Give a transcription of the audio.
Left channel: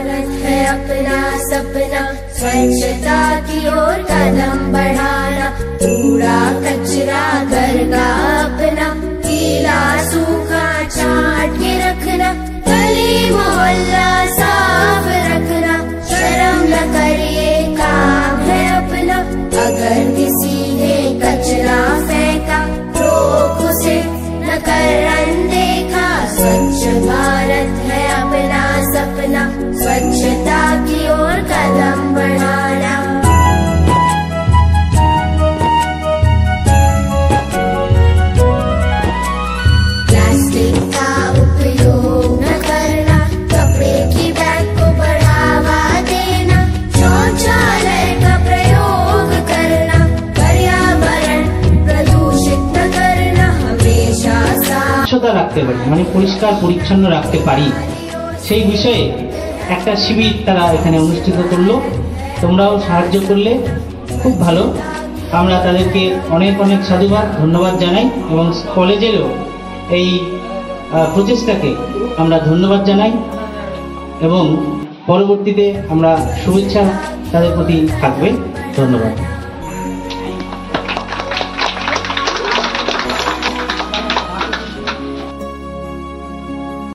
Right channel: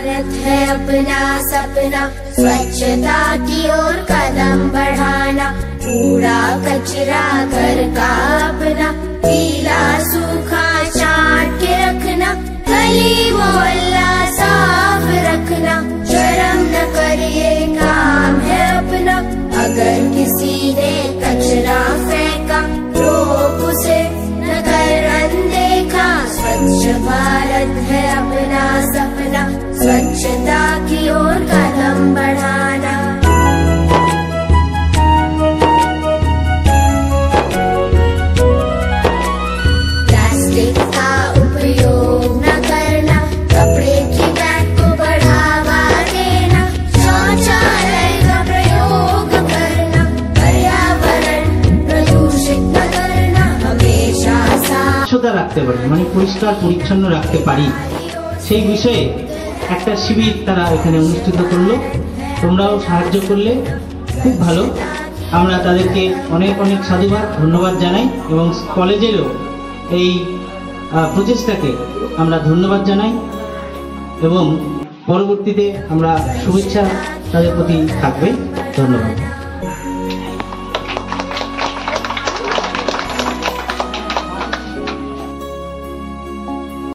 भारत है अपना सपना, स्वच्छता की ओर कदम बढ़ाना, कूड़ा कचरा घर का अपना, गीला सूखा छांट के रखना, गली मोहल्ला साफ रखना, शर्म न करिए काम है अपना, अगर किसी ने कचरा फेंका रोक उसे न कर अनदेखा, स्वच्छ भारत है अपना सपना, स्वच्छता की ओर कदम बढ़ाना। प्लास्टिक का उपयोग न करना, कपड़े की बैग को बढ़ावा देना, शौचालय का प्रयोग करना, पर्यावरण प्रदूषित न करना, हमेशा स्वच्छता রাখতে পারি, মানে পরিষ্কার পরিচ্ছন্ন রাখতে পারি, সেই বিষয়ে একটা শিবির তারা এখানে অনুষ্ঠিত করলো। তোমরাও সাহায্য করলে খুব ভালো। আমরা তাদেরকে অনেক অনেক সাধুবাদ ধন্যবাদ জানাই এবং কলেজেরও এই প্রচেষ্টাকে আমরা ধন্যবাদ জানাই এবং পরবর্তীতে আমরা শুভেচ্ছা তাদের প্রতি থাকবে। ধন্যবাদ।